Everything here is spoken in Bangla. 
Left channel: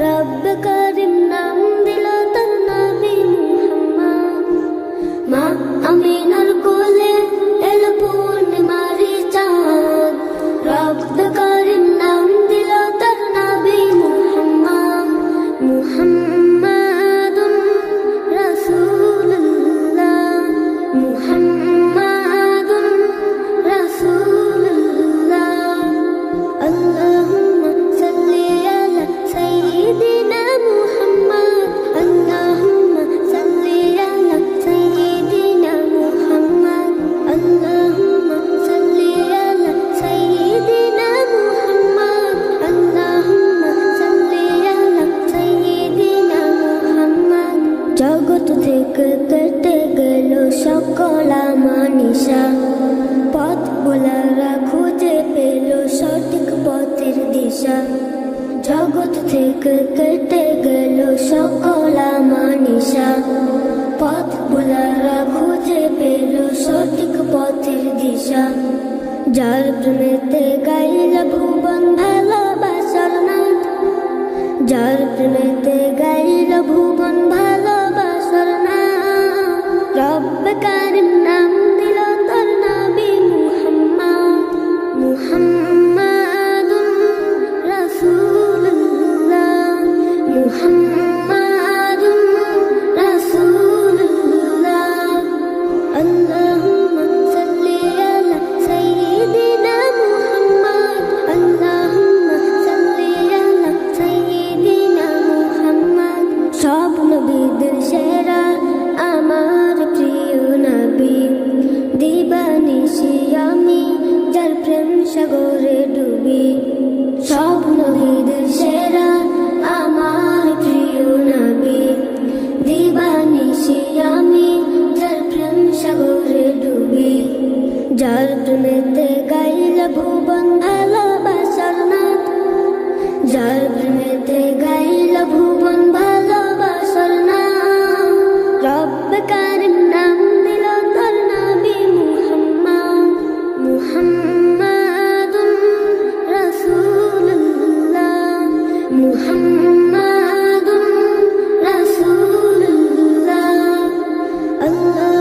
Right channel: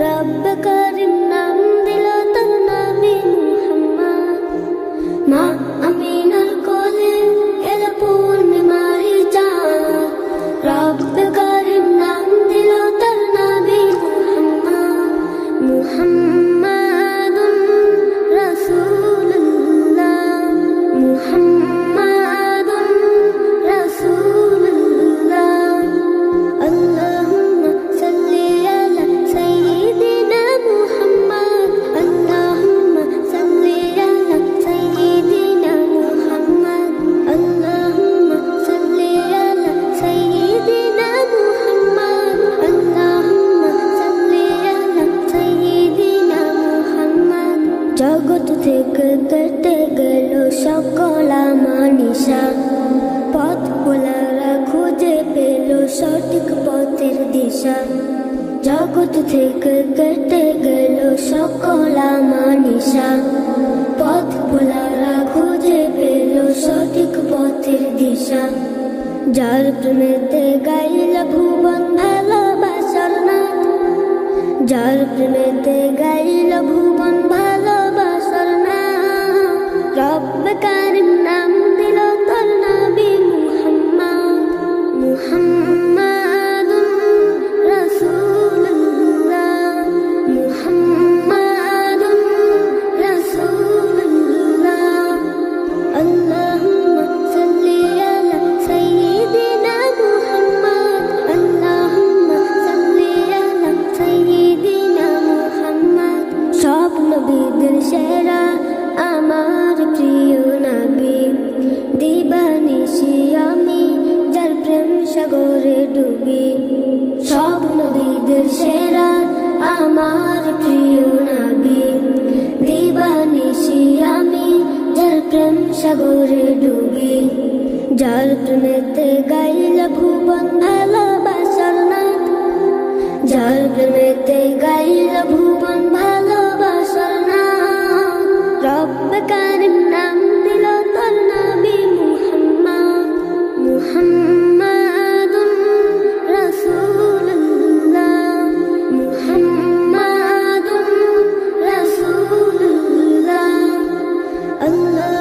রব করিম নাম দিল তার নবী মুহাম্মদ। মা আমিনার কোলে এর পূর্ণিমারি চাঁদ, রব করিম নাম দিল তার নবী মুহাম্মদ। মুহাম্মাদুন রাসূলুল্লাহ, মুহাম্মাদুন রাসূলুল্লাহ। আল্লাহুম্মা সাল্লি আলা সাইয়্যিদিনা মুহাম্মদ, আল্লাহুম্মা সাল্লি আলা সাইয়্যিদিনা মুহাম্মদ, আল্লাহুম্মা সাল্লি আলা সাইয়্যিদিনা মুহাম্মদ, আল্লাহুম্মা সাল্লি আলা সাইয়্যিদিনা মুহাম্মদ। জগৎ থেকে কেটে গেল সকল আমানিশা, পথ ভোলারা খুঁজে পেল সঠিক পথের দিশা। জগৎ থেকে কেটে গেল সকল আমানিশা, পথ ভোলারা খুঁজে পেল সঠিক পথের দিশা। যার প্রেমেতে গাইল ভুবন ভালোবাসার নাথ, যার প্রেমেতে গাইল ভুবন ভালোবাসার নাথ। রব কারিম নাম দিল তোর নবী মুহাম্মদ। মুহাম্মাদুন রাসূলুল্লাহ, মুহাম্মাদুন রাসূলুল্লাহ। আল্লাহুম্মা সাল্লি আলা সাইয়্যিদিনা মুহাম্মদ, আল্লাহুম্মা সাল্লি আলা সাইয়্যিদিনা মুহাম্মদ। সব নবীদের সেরা আমার প্রিয় নবী, দিবানিশি আমি যার প্রেম সাগরে ডুবি। সব নবীদের সেরা আমার প্রিয় নবী, দিবানিশি আমি যার প্রেম সাগরে ডুবি। যার প্রেমেতে গাইল ভুবন ভালোবাসার নাথ, যার প্রেমেতে গাইল ভুবন ভালোবাসার নাথ। রব কারিম নাম দিল তোর নবী মুহাম্মদ। মুহাম্মাদুন রাসূলুল্লাহ, মুহাম্মাদুন রাসূলুল্লাহ। আল্লাহ